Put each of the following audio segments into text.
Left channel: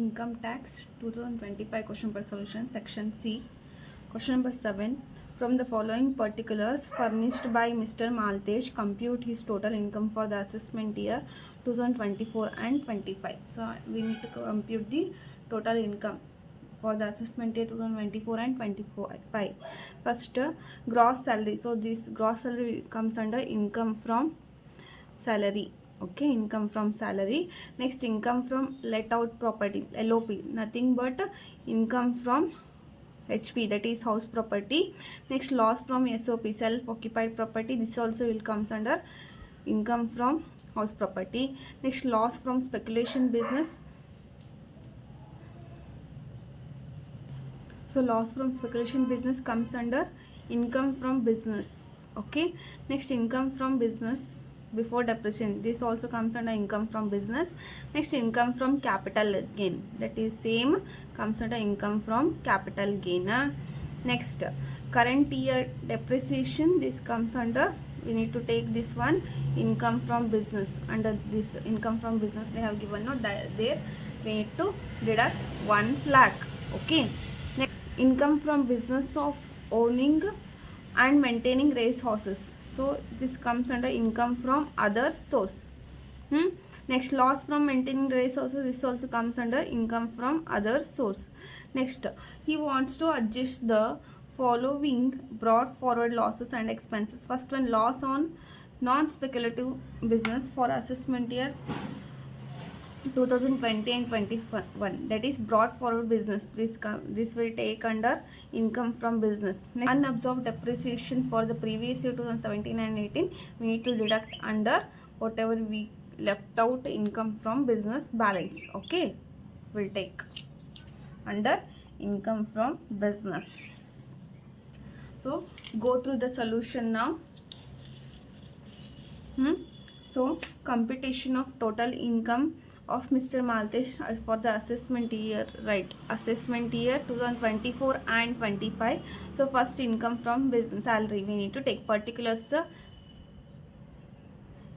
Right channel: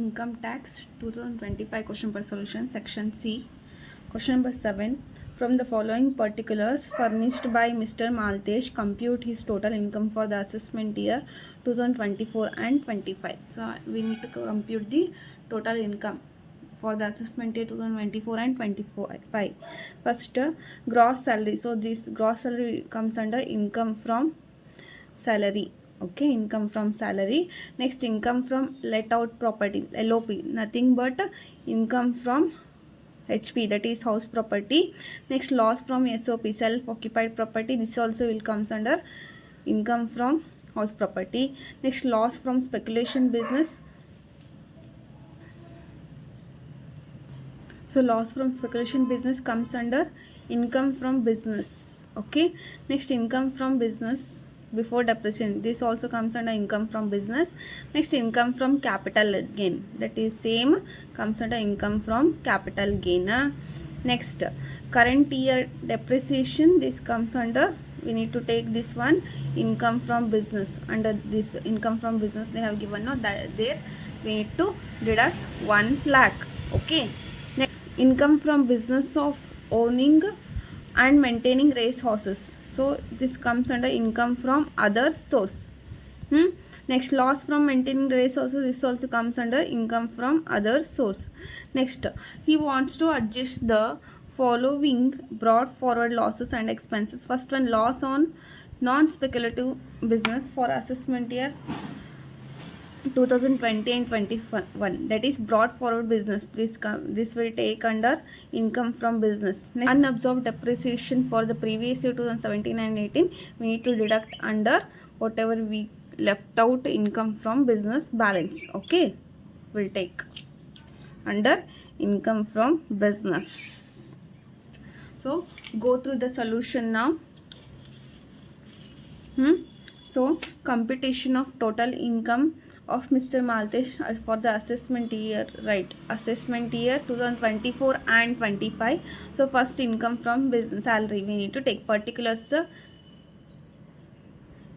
Income tax 2025 question per solution, section C. Question number 7. From the following particulars furnished by Mr. Maltesh, compute his total income for the assessment year 2024 and 25. So we need to compute the total income for the assessment year 2024 and 25. First, gross salary. So this gross salary comes under income from salary. Okay, income from salary. Next, income from let out property, LOP, nothing but income from HP, that is house property. Next, loss from SOP, self occupied property, this also will comes under income from house property. Next, loss from speculation business. So loss from speculation business comes under income from business. Okay, next, income from business before depreciation, this also comes under income from business. Next, income from capital gain, that is same comes under income from capital gain. Next, current year depreciation, this comes under, we need to take this one, income from business. Under this income from business they have given no that there we need to deduct 1 lakh. Okay, next, income from business of owning and maintaining race horses, so this comes under income from other source. Next, loss from maintaining race horses, this also comes under income from other source. Next, he wants to adjust the following brought forward losses and expenses. First one, loss on non-speculative business for assessment year 2020 and 21, that is brought forward business, this will take under income from business. Next, unabsorbed depreciation for the previous year 2017 and 18, we need to deduct under whatever we left out income from business balance. Okay, we'll take under income from business. So go through the solution now. So computation of total income of Mr. Maltesh for the assessment year, right? Assessment year 2024 and 25. So first, income from business salary, we need to take particulars,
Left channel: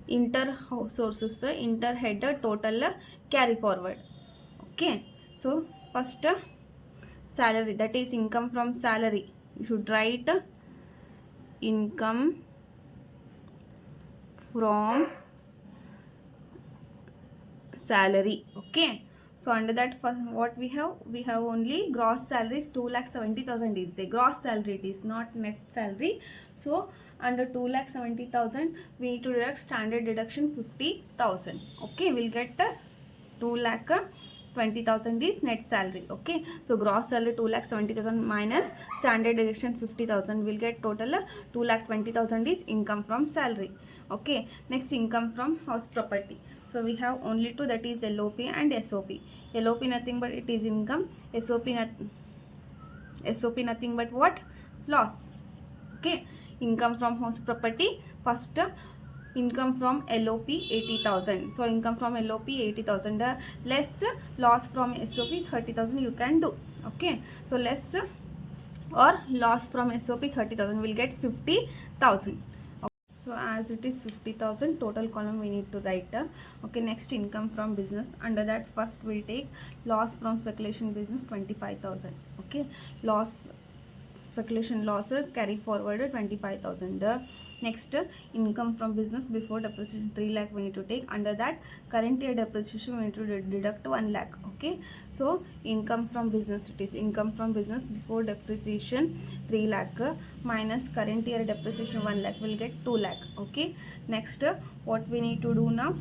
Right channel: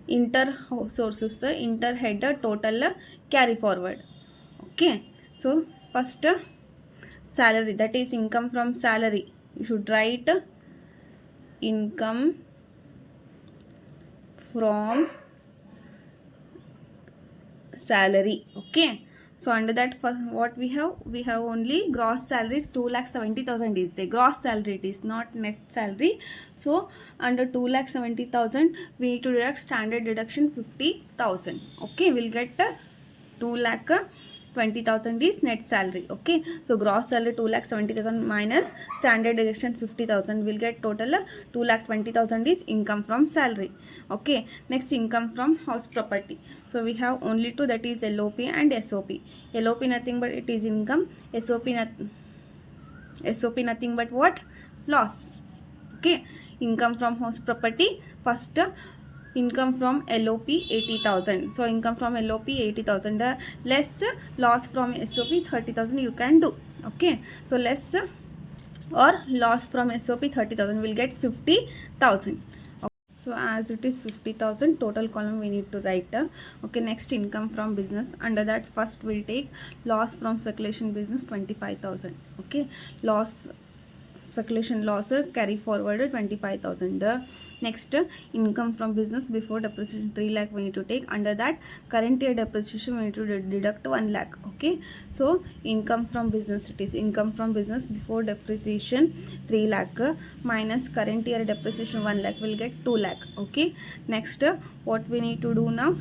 inter sources, inter header, total, carry forward. Okay, so first, salary, that is income from salary, you should write income from salary. Okay, so under that, first what we have only gross salary 2,70,000 is the gross salary, it is not net salary. So under 2,70,000 we need to deduct standard deduction 50,000. Okay, we'll get 2,20,000 is net salary. Okay, so gross salary 2,70,000 minus standard deduction 50,000, will get total 2,20,000 is income from salary. Okay, next, income from house property. So we have only two, that is LOP and SOP. LOP nothing but it is income, SOP nothing but what? Loss. Okay, income from house property, first income from LOP 80,000. So income from LOP 80,000 less loss from SOP 30,000 you can do. Okay, so less or loss from SOP 30,000 will get 50,000. So as it is 50,000, total column we need to write. Okay, next, income from business. Under that, first we'll take loss from speculation business 25,000. Okay, loss, speculation loss, carry forward 25,000. Next, income from business before depreciation 3 lakh we need to take. Under that, current year depreciation we need to deduct 1 lakh. Okay, so income from business, it is income from business before depreciation 3 lakh minus current year depreciation 1 lakh, will get 2 lakh. Okay, next, what we need to do now?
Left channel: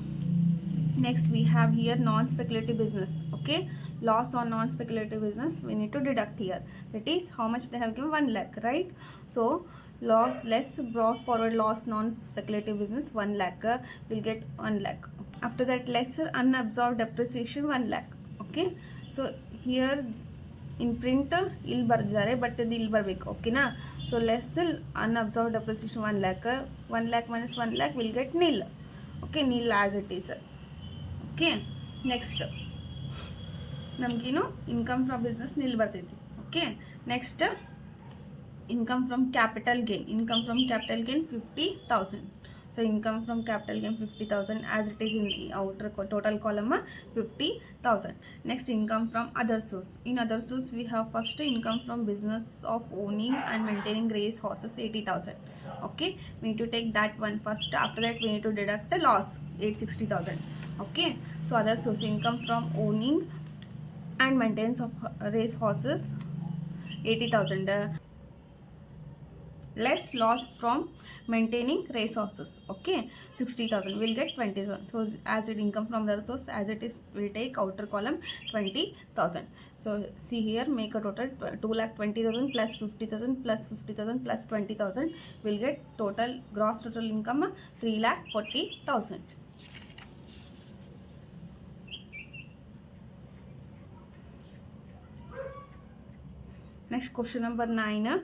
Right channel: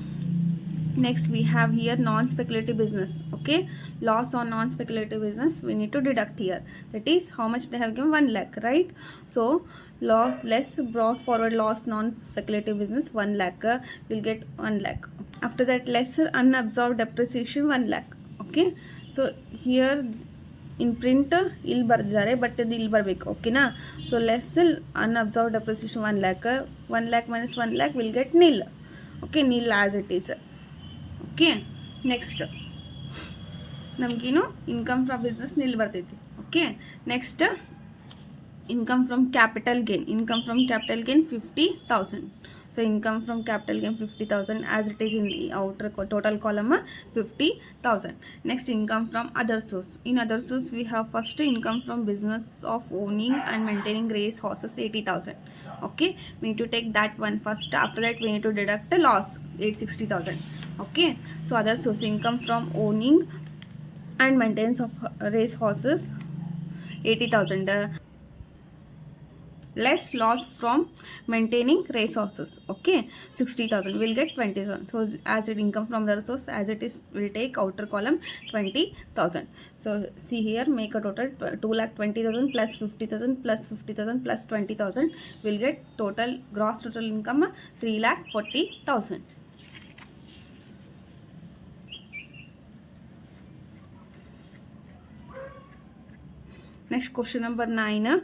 Next, we have here non-speculative business. Okay, loss on non-speculative business we need to deduct here, that is how much they have given, 1 lakh, right? So loss less brought forward loss non-speculative business 1 lakh, will get 1 lakh. After that, less unabsorbed depreciation 1 lakh. Okay, so here in print ಇಲ್ಲಿ ಬರ್ದಿದ್ದಾರೆ, but ಇದು ಇಲ್ಲಿ ಬರಬೇಕು. ಓಕೆನಾ, so less unabsorbed depreciation 1 lakh, 1 lakh minus 1 lakh will get nil. Okay, nil as it is. Okay, next, ನಮಗೇನು income from business ನಿಲ್ ಬರ್ತೈತಿ. Okay, next, income from capital gain, income from capital gain 50,000. So income from capital gain 50,000 as it is in the outer total column 50,000. Next, income from other source. In other source we have first income from business of owning and maintaining race horses 80,000. Okay, we need to take that one first. After that we need to deduct the loss 860,000. Okay, so other source, income from owning and maintenance of race horses 80,000 less loss from maintaining race horses. Okay, 60,000, we'll get 20,000. So as it income from the source, as it is, we'll take outer column 20,000. So see here, make a total 2,20,000 plus 50,000 plus 50,000 plus 20,000, we'll get total gross total income 3,40,000. Next, question number 9.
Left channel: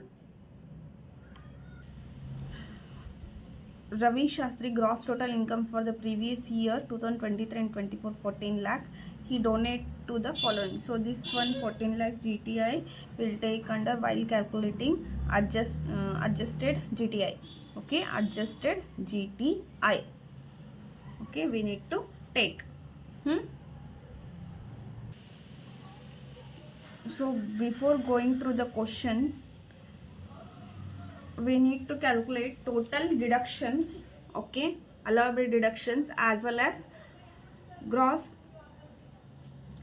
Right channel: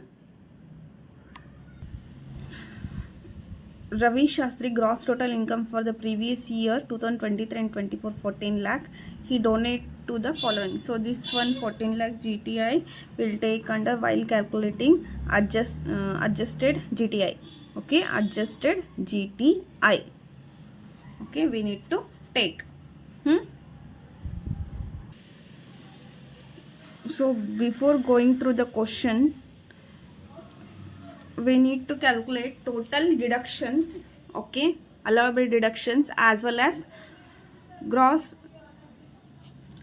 Ravi Shastri gross total income for the previous year 2023 and 24 14 lakh. He donate to the following. So this one 14 lakh GTI will take under while calculating adjusted GTI. Okay, adjusted GTI. Okay, we need to take. So before going through the question, we need to calculate total deductions. Okay, allowable deductions as well as gross,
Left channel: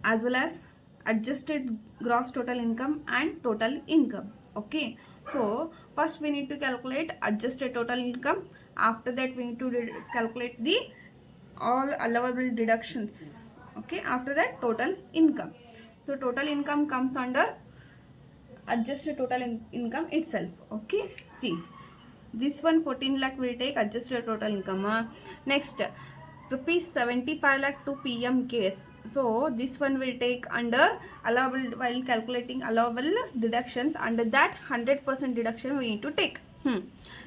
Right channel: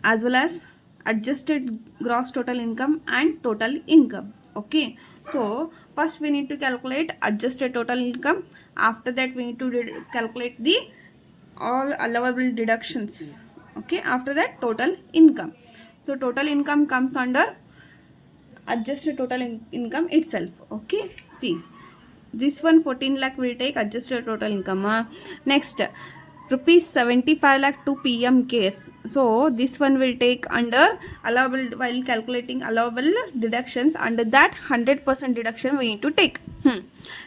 as well as adjusted gross total income and total income. Okay, so first we need to calculate adjusted total income. After that we need to calculate the all allowable deductions. Okay, after that total income. So total income comes under adjusted total income itself. Okay, see, this one 14 lakh will take adjusted total income. Next, rupees 75 lakh to PM case. So this one will take under allowable while calculating allowable deductions. Under that 100% deduction we need to take.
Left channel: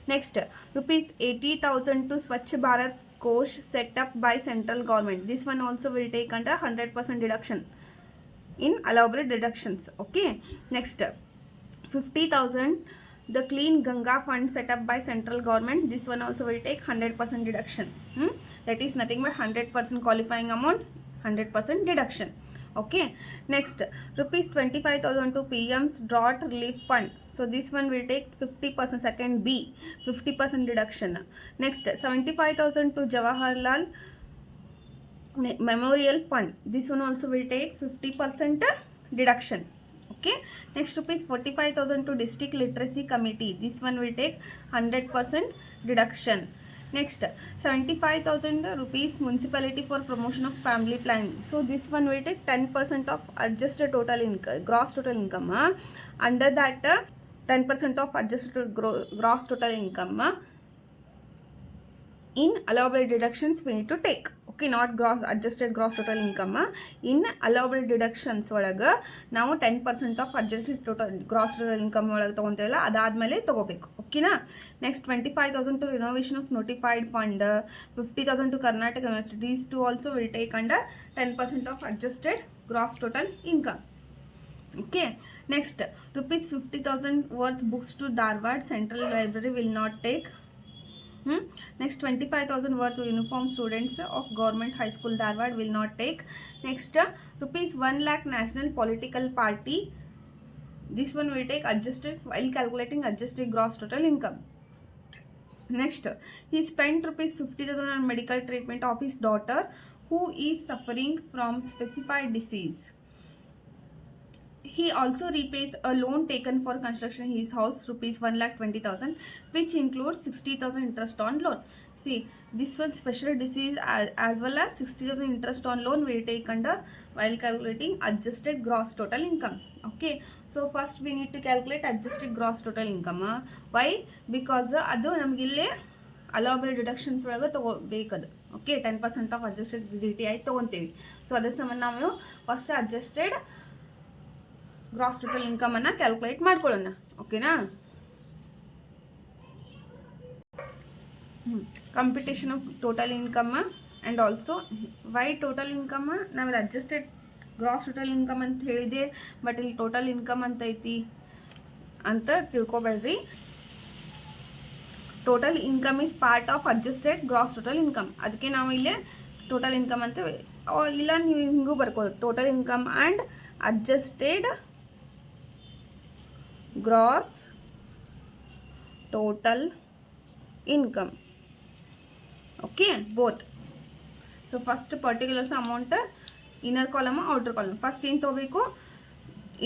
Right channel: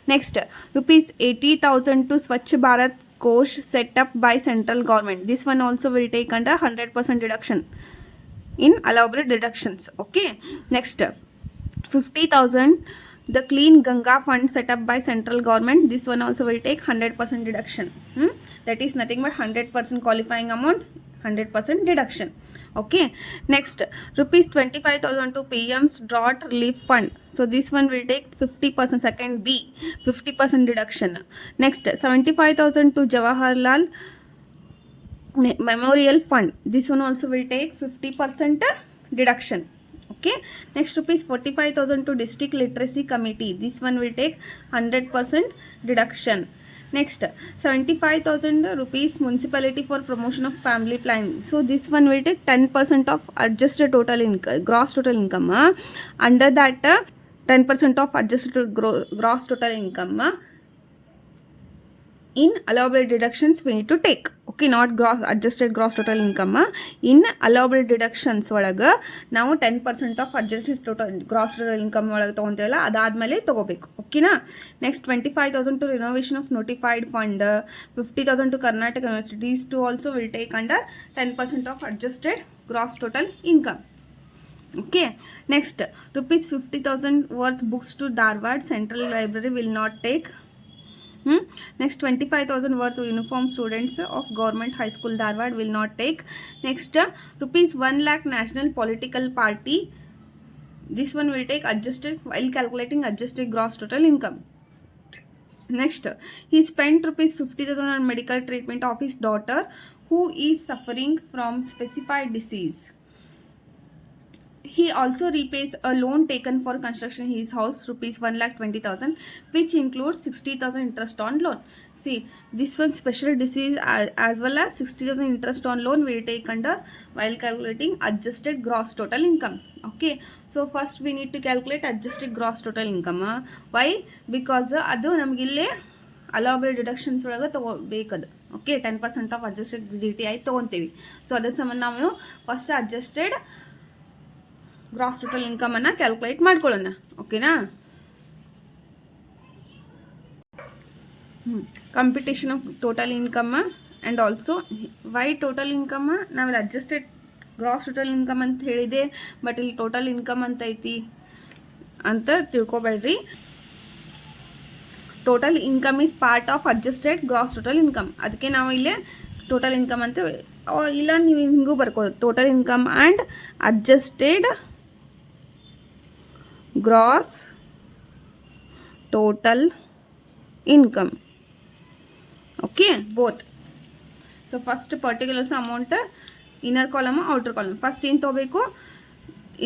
Next, rupees 80,000 to Swachh Bharat Kosh set up by central government. This one also will take under 100% deduction in allowable deductions. Okay, next, 50,000 the clean Ganga fund set up by central government. This one also will take 100% deduction. That is nothing but 100% qualifying amount, 100% deduction. Okay, next, rupees 25,000 to PM's drought relief fund. So this one will take 50%, second B, 50% deduction. Next, 75,000 to Jawaharlal Memorial Fund. This one also will take 50% deduction. Okay, next, rupees 45,000 to District Literacy Committee. This one will take 100% deduction. Next, 75,000 rupees municipality for promotion of family planning. So this one will take 10% of adjusted total income, gross total income. Under that 10% of adjusted gross total income in allowable deductions we need to take. Okay, not gross adjusted gross total income. In allowable deductions ಒಳಗೆ ನಾವು 10% of adjusted total gross total income ಒಳಗೆ ತಗೊಂತೇವಲ್ಲ, ಅದಾದ್ಮೇಲೆ ತಗೋಬೇಕು. ಓಕೆನಾ? Next, 25,000 to renovation of notified fund, 50,000 to Karnataka University. These two also will take under 10% of adjusted gross total income. Okay, next, rupees 50,000 worth books to Dharwad Central Library will not take. Next, 25,000 worth of uniform students of government high school Dharwad will not take. Next, rupees 1 lakh national political party. This one will take adjusted while calculating adjusted gross total income. Next, he spent rupees 50,000 on medical treatment of his daughter who is suffering from specified disease. He also repays a loan taken for construction of his house, rupees 1,20,000, which includes 60,000 interest on loan. See, this one special disease as well as 60,000 interest on loan will take under while calculating adjusted gross total income. Okay, so first we need to calculate adjusted gross total income. Why? Because adu namage ille allowable deductions ಒಳಗೆ ತಗೋಬೇಕದು. Okay, 10% of adjusted GTI ತಗೊಂತೀವಿ. So ಅದ್ರ ಸಂಬಂಧ ನಾವು first adjusted gross total income ಅನ್ನ calculate ಮಾಡ್ಕೊಳ್ಳೋಣ. ಓಕೆನಾ? Computation of total income and also why total income ನಾವಿಲ್ಲಿ ಅಡ್ಜಸ್ಟೆಡ್ ಗ್ರಾಸ್ ಟೋಟಲ್ ಇನ್ಕಮ್ ಅಂತ ಹೇಳಿದೆ, ಬಟ್ ಇಲ್ಲಿ ಟೋಟಲ್ ಇನ್ಕಮ್ ಅಂತ ಐತಿ ಅಂತ ತಿಳ್ಕೊಬೇಡ್ರಿ. Total income is part of adjusted gross total income. ಅದಕ್ಕೆ ನಾವು ಇಲ್ಲಿ ಟೋಟಲ್ ಇನ್ಕಮ್ ಅಂತ ಇಲ್ಲ ನೀವು ಹಿಂಗೂ ಬರ್ಕೋದು, total income and adjusted gross total income. Okay, both. So first particulars amount inner column outer column. First ಏನು ತೊಗೋಬೇಕು,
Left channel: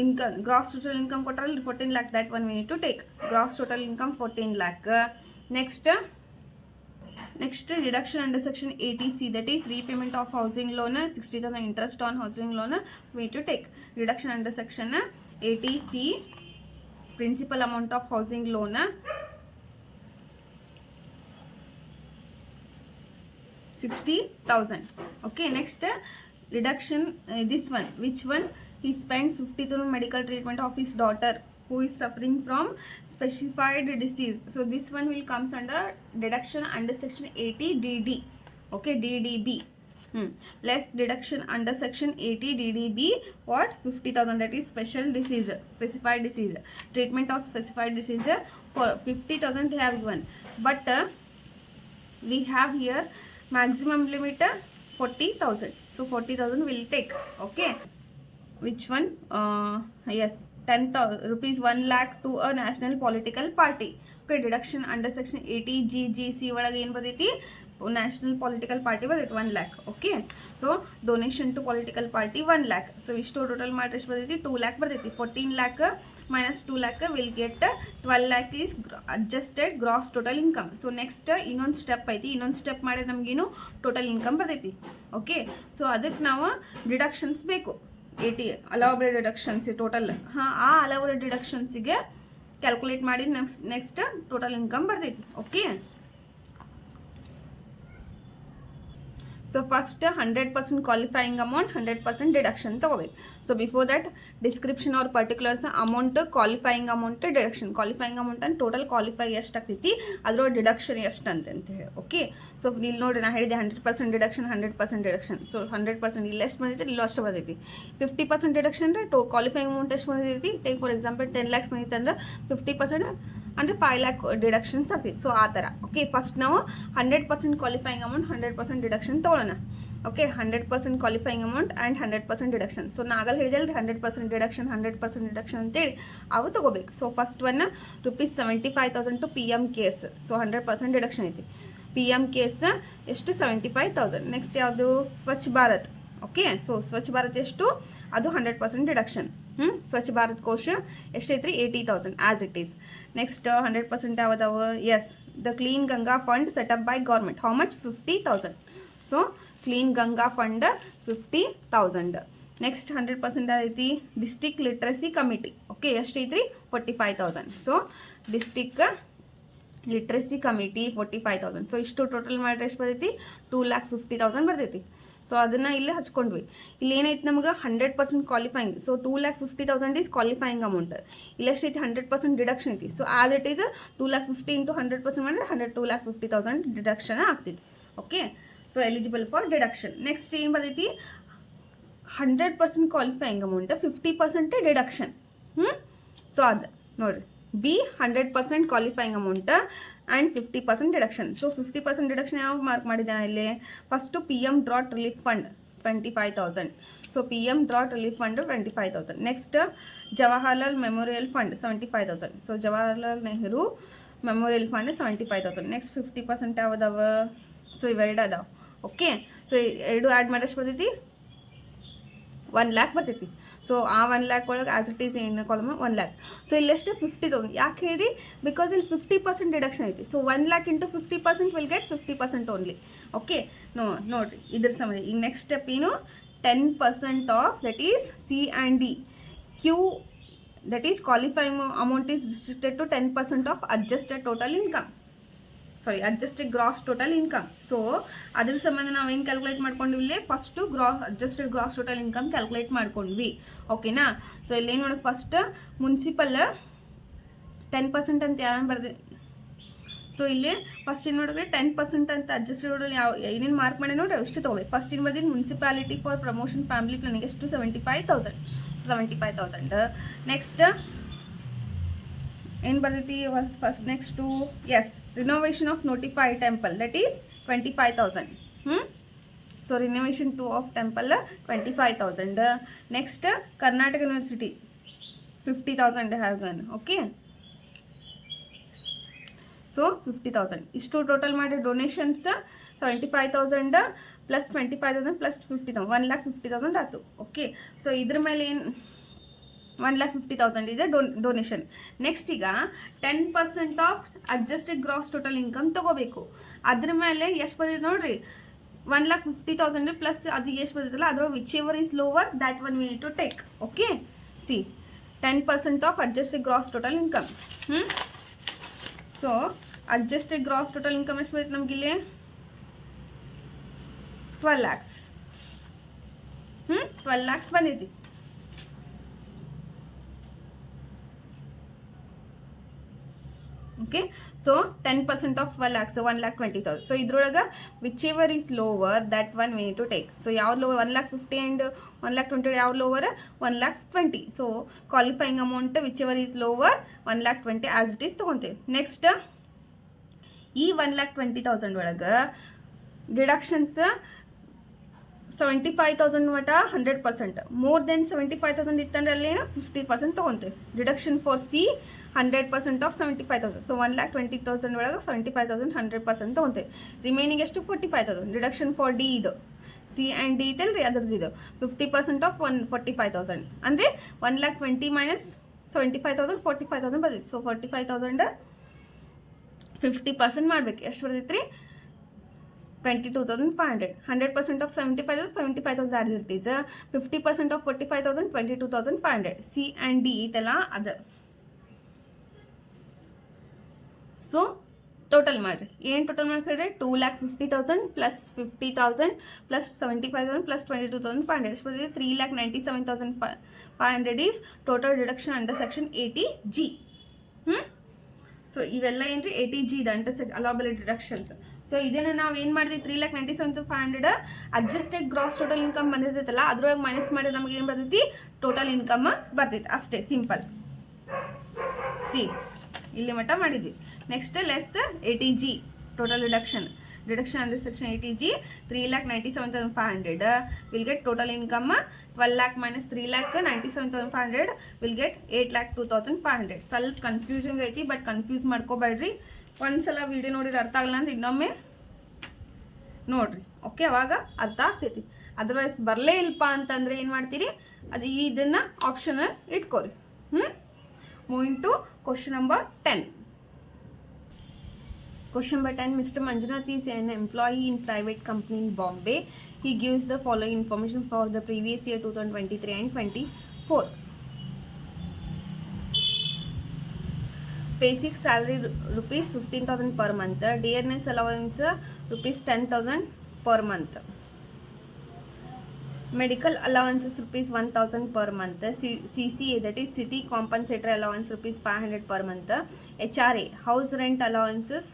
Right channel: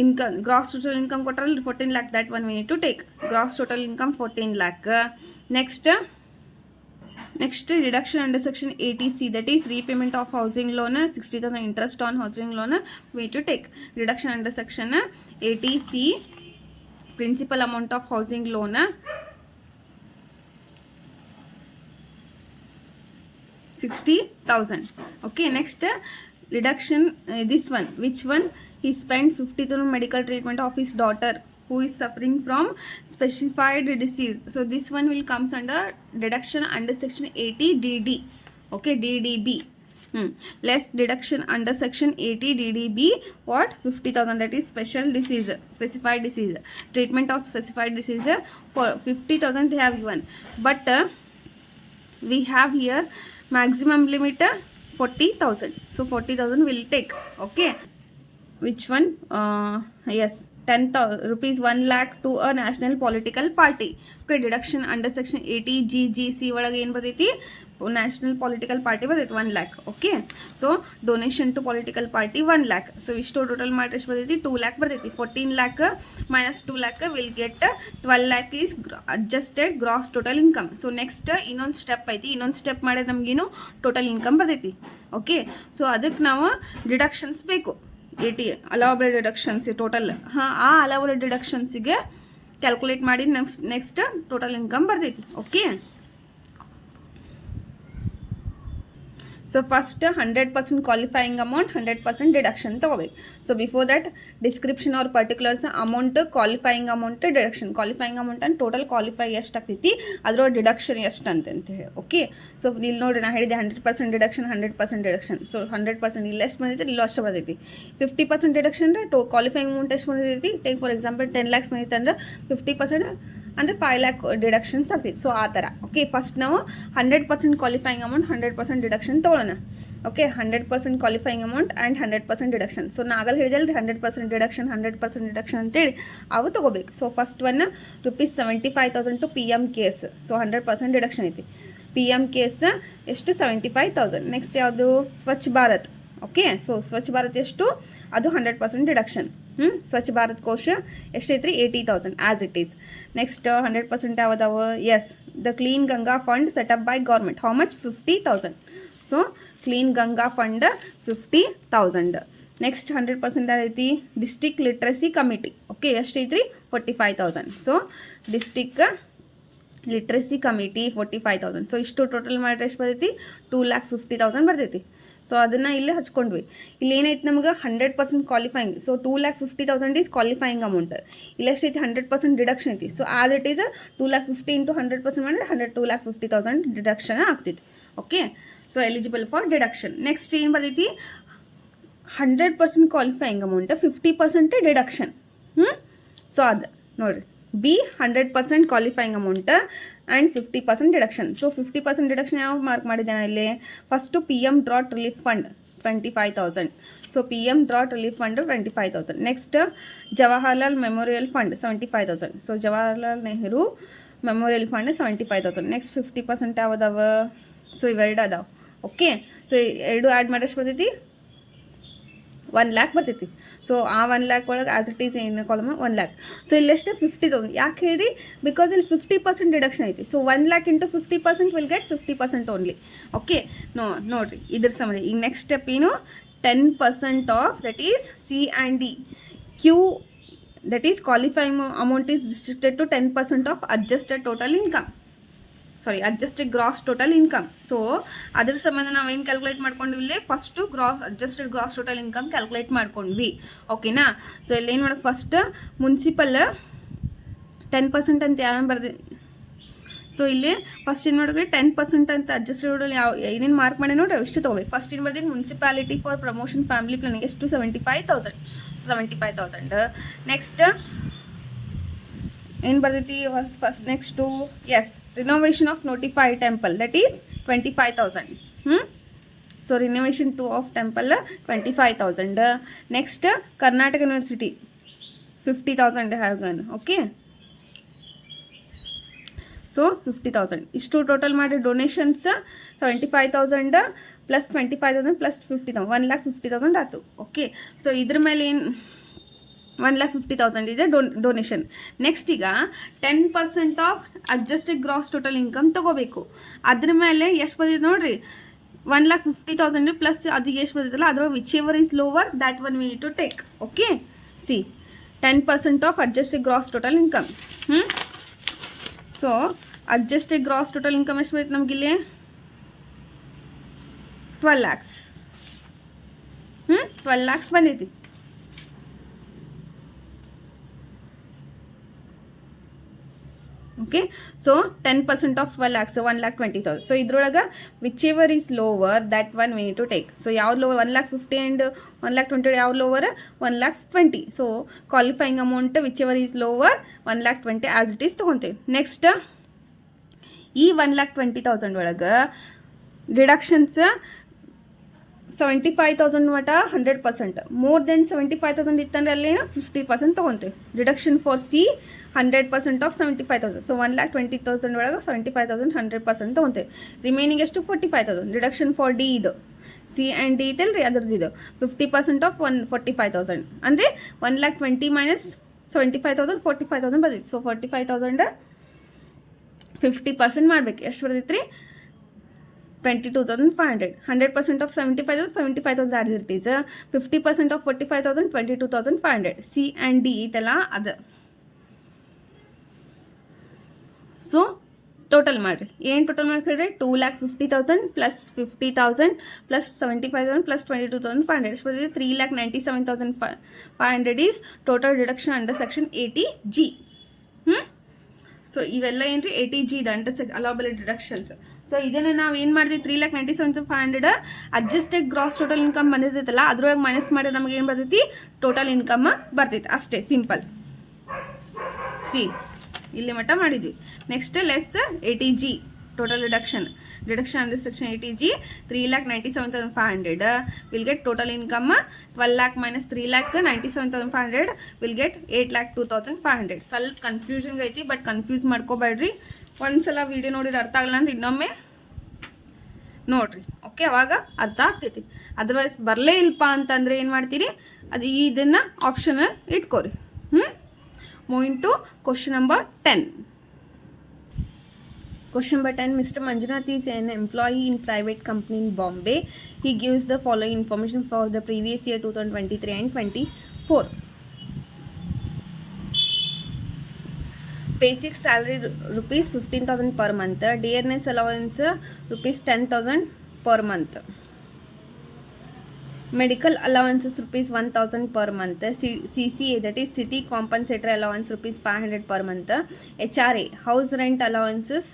ಇನ್ಕಮ್ ಗ್ರಾಸ್ ಟೋಟಲ್ ಇನ್ಕಮ್ ಕೊಟ್ಟರಲ್ಲಿ 14 lakh, that one we need to take. Gross total income 14 lakh. Next reduction under section 80C, that is repayment of housing loan, 60,000 interest on housing loan we need to take. Reduction under section 80C, principal amount of housing loan 60,000. Okay, next reduction, this one, which one? He spent 50,000 medical treatment of his daughter who is suffering from specified disease. So this one will comes under deduction under section 80 DD. Okay, DDB. Less deduction under section 80 DDB, what? 50,000, that is special disease, specified disease. Treatment of specified disease for 50,000 they have given. But we have here maximum limit 40,000. So 40,000 will take. Okay. Which one? Yes, 10,000 rupees 1 lakh to a national political party. Okay, deduction under section 80 GGC ಒಳಗೆ ಏನು ಬರ್ತೈತಿ, national political party ಬರ್ತೈತಿ 1 lakh. Okay, so donation to political party 1 lakh. ಸೊ ಇಷ್ಟು total ಮಾಡಿ ಎಷ್ಟು ಬರ್ತೈತಿ, 2 lakh ಬರ್ತೈತಿ. 14 lakh minus 2 lakh will get 12 lakh is adjusted gross total income. So next ಇನ್ನೊಂದು ಸ್ಟೆಪ್ ಐತಿ, ಇನ್ನೊಂದು ಸ್ಟೆಪ್ ಮಾಡಿದ್ರೆ ನಮಗೇನು ಟೋಟಲ್ ಇನ್ಕಮ್ ಬರ್ತೈತಿ. ಓಕೆ, ಸೊ ಅದಕ್ಕೆ ನಾವು ಡಿಡಕ್ಷನ್ಸ್ ಬೇಕು. 80 ಅಲೌಬಲ್ ಡಿಡಕ್ಷನ್ಸ್ ಟೋಟಲ್, ಆ ಅಲೌಬಲ್ ಡಿಡಕ್ಷನ್ಸಿಗೆ ಕ್ಯಾಲ್ಕುಲೇಟ್ ಮಾಡಿ ನೆಕ್ಸ್ಟ್ ಟೋಟಲ್ ಇನ್ಕಮ್ ಬರ್ತೈತಿ. Okay, so first 100% qualifying amount, 100% deduction ತೊಗೋಬೇಕು. So before that description or particulars amount, qualifying amount, deduction. Qualifying amount ಅಂತ ಟೋಟಲ್ ಕ್ವಾಲಿಫೈ ಎಷ್ಟು ಆಗ್ತೈತಿ, ಅದರ ಡಿಡಕ್ಷನ್ ಎಷ್ಟು ಅಂತ ಹೇಳಿ. ಓಕೆ, ಸೊ ಇಲ್ಲಿ ನೋಡಿ ನಾನು ಹೇಳಿದೆ 100% ಡಿಡಕ್ಷನ್, 100% ಡಿಡಕ್ಷನ್. ಸೊ 100% ಇಲ್ಲಿ ಎಷ್ಟು ಬಂದೈತಿ, ಇಲ್ಲೂ ಅಷ್ಟು ಬಂದೈತಿ. 50% ಡಿಡಕ್ಷನ್ ಅಂದರೆ ಕ್ವಾಲಿಫೈಯಿಂಗ್ ಅಮೌಂಟ್ ಎಷ್ಟು ಬಂದೈತಿ. ಟೇಕ್ ಫಾರ್ ಎಕ್ಸಾಂಪಲ್ 10 lakhs ಬಂದೈತೆ ಅಂದ್ರೆ 50% ಅಂದರೆ 5 lakh ಡಿಡಕ್ಷನ್ಸ್ ಆಗ್ತೈತಿ. ಸೊ ಆ ಥರ. ಓಕೆ, ಫಸ್ಟ್ ನಾವು 100% ಕ್ವಾಲಿಫೈಯಿಂಗ್ ಅಮೌಂಟ್, 100% ಡಿಡಕ್ಷನ್ ತೊಗೊಳ್ಳೋಣ. Okay, 100% qualifying amount and 100% deduction. So ನಾಗಲ್ಲಿ ಹೇಳಿದಲ್ರಿ 100% ಡಿಡಕ್ಷನ್, 100% ಡಿಡಕ್ಷನ್ ಅಂತೇಳಿ ಅವು ತೊಗೋಬೇಕು. So first one ₹75,000 to PM cares. So 100% deduction ಐತಿ. PM ಕೇರ್ಸ್ ಎಷ್ಟು, 75,000. ನೆಕ್ಸ್ಟ್ ಯಾವುದು, ಸ್ವಚ್ಛ ಭಾರತ್. ಓಕೆ, ಸೊ ಸ್ವಚ್ಛ ಭಾರತ್ ಎಷ್ಟು, ಅದು 100% ಡಿಡಕ್ಷನ್. ಸ್ವಚ್ಛ ಭಾರತ್ ಕೋಶ ಎಷ್ಟೈತ್ರಿ, 80,000 ಆ್ಯಸ್ ಇಟ್ ಈಸ್. ನೆಕ್ಸ್ಟ್ 100% ಯಾವುದಾವು, yes, the clean Ganga fund set up by government. How much, 50,000. So clean Ganga fund 50,000. Next 100% ಐತಿ district literacy committee. Okay, ಎಷ್ಟೈತ್ರಿ, 45,000. So district literacy committee 45,000. So ಇಷ್ಟು total ಮಾಡಿದ್ರೆ ಎಷ್ಟು ಬರ್ತೈತಿ, 2,50,000 ಬರ್ತೈತಿ. ಸೊ ಅದನ್ನು ಇಲ್ಲೇ ಹಚ್ಕೊಂಡ್ವಿ. ಇಲ್ಲಿ ಏನೈತಿ ನಮ್ಗೆ 100% qualifying. So 2,50,000 is qualifying amount. ಇಲ್ಲಿ ಎಷ್ಟೈತಿ, 100% ಡಿಡಕ್ಷನ್ ಐತಿ. So as it is 2,50,000 into 100% ಮಾಡಿದ್ರೆ 2,50,000 ಡಿಡಕ್ಷನ್ ಆಗ್ತೈತಿ. Okay, so eligible for deduction. Next ಏನು ಬರ್ತೈತಿ, 100% ಕ್ವಾಲಿಫೈಯಿಂಗ್ ಅಮೌಂಟ್, 50% ಡಿಡಕ್ಷನ್. ಸೊ ಅದು ನೋಡಿರಿ, B 100% qualifying amount and 50% deduction. So 50% deduction ಯಾವ ಮಾರ್ಕ್ ಮಾಡಿದ್ದೇನೆ ಇಲ್ಲಿ, first PM drought relief fund 25,000. So PM drought relief fund 25,000. Next Jawaharlal memorial fund 75,000. So Jawaharlal Nehru memorial fund 75,000. Next 50% ಯಾವುದವ, so ಇವೆರಡು ಅದಾವೆ. ಓಕೆ, ಸೊ ಎರಡು add ಮಾಡಿಷ್ಟು ಬರ್ತೈತಿ, 1 lakh ಬರ್ತೈತಿ. ಸೊ ಆ 1 lakh ಒಳಗೆ ಆ್ಯಸ್ ಇಟ್ ಈಸ್ ಏನು ಕಾಲಮ್ 1 lakh. ಸೊ ಇಲ್ಲೆಷ್ಟು 50,000. ಯಾಕೆ ಹೇಳಿ, ಬಿಕಾಸ್ ಇಲ್ಲಿ 50% ಡಿಡಕ್ಷನ್ ಐತಿ. So 1 lakh into 50% will get 50% only. Okay, ನೋಡಿರಿ ಇದ್ರ ಸಂಬಂಧ. ಈಗ ನೆಕ್ಸ್ಟ್ ಸ್ಟೆಪ್ ಏನು, 10% of that is C and D. Q, that is qualifying amount is restricted to 10% of adjusted total income. Sorry, adjusted gross total income. So ಅದ್ರ ಸಂಬಂಧ ನಾವು ಏನು calculate ಮಾಡ್ಕೊಂಡ್ವಿ, first adjusted gross total income calculate ಮಾಡ್ಕೊಂಡ್ವಿ. ಓಕೆನಾ. So ಇಲ್ಲಿ ಏನು ಮಾಡೋದು, ಫಸ್ಟ್ ಮುನ್ಸಿಪಲ್ 10% ಅಂತ ಯಾರು ಬರ್ದಿ. ಸೊ ಇಲ್ಲಿ ಫಸ್ಟ್ ಏನು ನೋಡಿದ್ರೆ 10% ಅಂತ ಅಡ್ಜಸ್ಟೆಡ್ ಯಾವ ಏನೇನು ಮಾರ್ಕ್ ಮಾಡಿ ನೋಡ್ರಿ ಎಷ್ಟು ತೊಗೋಬೇಕು. ಫಸ್ಟ್ ಏನು ಬರ್ತೀನಿ, municipality for promotion family planning ಎಷ್ಟು, 75,000. ನೆಕ್ಸ್ಟ್ ಏನು ಬರ್ತೈತಿ first next is renovation of notified temple that is 25,000. So renovation 2 of temple 25,000. Next Karnataka university 50,000 have gone. Okay, so 50,000 ಇಷ್ಟು ಟೋಟಲ್ ಮಾಡಿ ಡೊನೇಷನ್ಸ್ 75,000 ಪ್ಲಸ್ 25,000 ಪ್ಲಸ್ 50,000 1,50,000 ಆಯ್ತು. ಓಕೆ, ಸೊ ಇದ್ರ ಮೇಲೆ ಏನು 1,50,000 ಇದೆ ಡೊನೇಷನ್. ನೆಕ್ಸ್ಟ್ ಈಗ 10% of adjusted gross total income ತೊಗೋಬೇಕು. ಅದ್ರ ಮೇಲೆ ಎಷ್ಟು ಬಂದಿದೆ ನೋಡ್ರಿ 1,50,000 ಪ್ಲಸ್ ಅದು ಎಷ್ಟು ಬಂದಿದ್ದಲ್ಲ ಅದ್ರ whichever is lower that one we need to take. Okay, C 10% of adjusted gross total income. So adjusted gross total income ಎಷ್ಟು ಬರುತ್ತೆ ನಮಗಿಲ್ಲಿ 12 lakhs. 12 lakhs ಬಂದೈತಿ. Okay, so 10% of 12 lakhs 1,20,000. So ಇದ್ರೊಳಗೆ whichever is lower that one we need to take. So ಯಾವ lower 1,50,000 and 1,20,000 ಯಾವ lower 1,20,000. So qualifying amount whichever is lower 1,20,000 as it is ತೊಗೊತೀವಿ. Next ಈ 1,20,000 ಒಳಗೆ deductions 75,000 ಮಟ 100%. More than 75,000 ಇತ್ತಂದ್ರೆ ಅಲ್ಲೇನು 50% ತೊಗೊತೀವಿ. Deduction for C 100% of 75,000. So 1,20,000 ಒಳಗೆ 75,000 100% ತೊಗೊತೀವಿ. ರಿಮೈನಿಂಗ್ ಎಷ್ಟು 45,000. ಡಿಡಕ್ಷನ್ ಫಾರ್ ಡಿ ಇದು ಸಿ ಆ್ಯಂಡ್ ಡಿ ಇದಲ್ಲ ರೀ ಅದ್ರದ್ದು ಇದು 50% ಆಫ್ 45,000 ಅಂದರೆ 1,20,000 ಮೈನಸ್ 75,000 45,000 ಬರ್ತೈತಿ. ಸೊ 45,000 50% ಮಾಡ್ಬೇಕು. ಎಷ್ಟು ಬರ್ತೈತಿ ರೀ 22,500. 100% of 75,000 75,000 as it is. 50% of 45,000 22,500. C and D ಇದೆಲ್ಲ ಅದು. ಸೊ ಟೋಟಲ್ ಮಾಡಿರಿ ಏನು ಟೋಟಲ್ ಮಾಡ್ಕೊಂಡ್ರೆ 2,50,000 ಪ್ಲಸ್ 50,000 ಪ್ಲಸ್ 75,000 ಪ್ಲಸ್ 22,500 ಎಷ್ಟು ಬರ್ತದೆ 3,97,500 is total deduction under section 80G. So ಇವೆಲ್ಲ ಏನು ರೀ 80G ಇದು ಅಂಡರ್ ಅಲೋಬಲ್ ಡಿಡಕ್ಷನ್ಸ್. ಸೊ ಇದನ್ನು ನಾವು ಏನು ಮಾಡಿದ್ವಿ 3,97,500 ಅಡ್ಜಸ್ಟೆಡ್ ಗ್ರಾಸ್ ಟೋಟಲ್ ಇನ್ಕಮ್ ಬಂದಿರ್ತೈತಲ್ಲ ಅದ್ರೊಳಗೆ ಮೈನಸ್ ಮಾಡಿದ್ರೆ ನಮಗೆ ಏನು ಬರ್ತೈತಿ ಟೋಟಲ್ ಇನ್ಕಮ್ ಬರ್ತೈತಿ ಅಷ್ಟೇ ಸಿಂಪಲ್. ಸಿ ಇಲ್ಲಿ ಮಟ್ಟ ಮಾಡಿದ್ವಿ. Next less 80G total deduction under section 80G 3,97,500 will get total income 12 lakh minus 3,97,500 will get 8,02,500. ಸ್ವಲ್ಪ ಕನ್ಫ್ಯೂಷನ್ ಐತಿ ಬಟ್ ಕನ್ಫ್ಯೂಸ್ ಮಾಡ್ಕೋಬೇಡ್ರಿ. ಒಂದ್ಸಲ ವಿಡಿಯೋ ನೋಡಿದ್ರೆ ಅರ್ಥ ಆಗಲ್ಲ ಅಂದ್ರೆ ಇನ್ನೊಮ್ಮೆ ನೋಡ್ರಿ. ಓಕೆ, ಅವಾಗ ಅರ್ಥ ಆಗ್ತೈತಿ. ಅದರ್ವೈಸ್ ಬರಲೇ ಇಲ್ಪ ಅಂತಂದ್ರೆ ಏನು ಮಾಡ್ತೀರಿ ಅದು ಇದನ್ನು ಆಪ್ಷನ್ ಇಟ್ಕೋರಿ. Moving to question number 10. Question number 10. Mr. Manjunath is an employee in private company in Bombay. He gives the following information for the previous year 2023 and 24. Basic salary rupees 15,000 per month. Dearness allowance rupees 10,000 per month. Medical allowances rupees 1,000 per month. CCA that is city compensatory allowance rupees 500 per month. HRA house rent allowances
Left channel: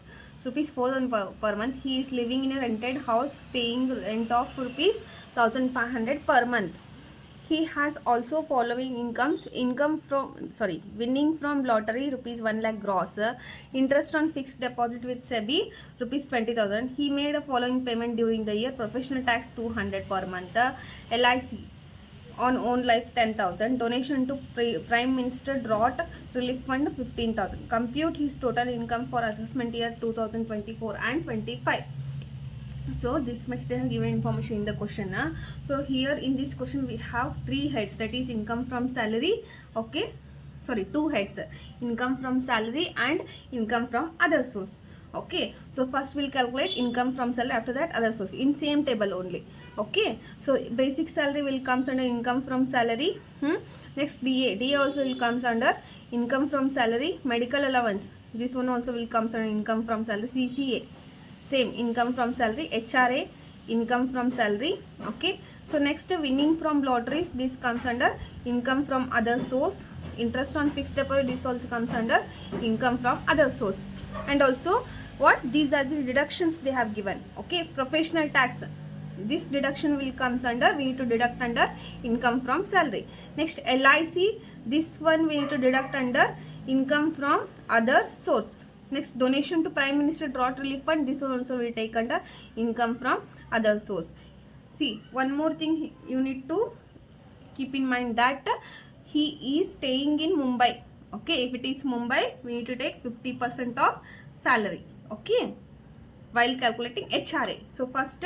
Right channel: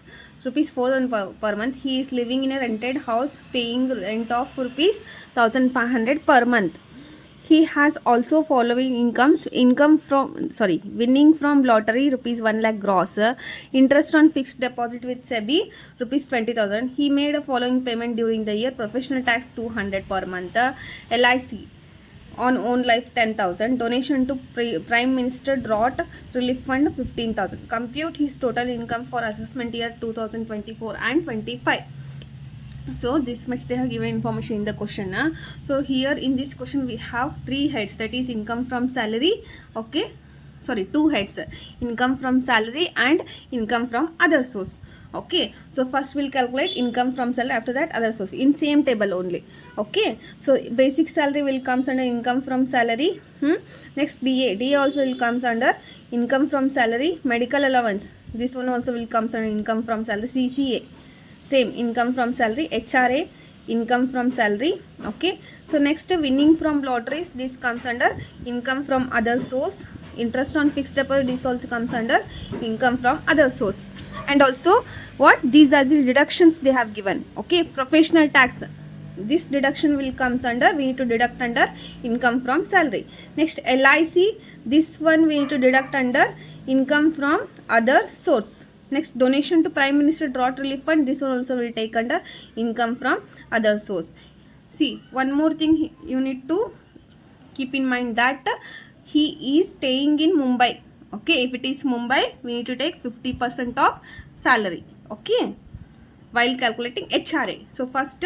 rupees 4,000 per month. He is living in a rented house paying rent of rupees 1,500 per month. He has also following incomes: winning from lottery rupees 1 lakh gross, interest on fixed deposit with SEBI rupees 20,000. He made a following payment during the year: professional tax 200 per month, LIC on own life 10,000, donation to Prime Minister Drought Relief Fund 15,000. Compute his total income for assessment year 2024 and 25. So this much they have given information in the question. So here in this question we have 3 heads, that is income from salary. Okay, sorry, 2 heads: income from salary and income from other source. Okay, so first we'll calculate income from salary, after that other source in same table only. Okay, so basic salary will comes under income from salary. Next DA also will comes under income from salary. Medical allowance, this one also will comes under income from salary. CCA same income from salary. HRA income from salary. Okay, so next winning from lotteries, this comes under income from other source. Interest on fixed deposit, this also comes under income from other source. And also what these are the deductions they have given. Okay, professional tax, this deduction will comes under, we need to deduct under income from salary. Next LIC, this one we need to deduct under income from other source. Next, donation to Prime Minister Drought Relief Fund, this one also will take under income from other source. See, one more thing you need to keep in mind, that he is staying in Mumbai. Okay, if it is Mumbai, we need to take 50% of salary. Okay, while calculating HRA. So first,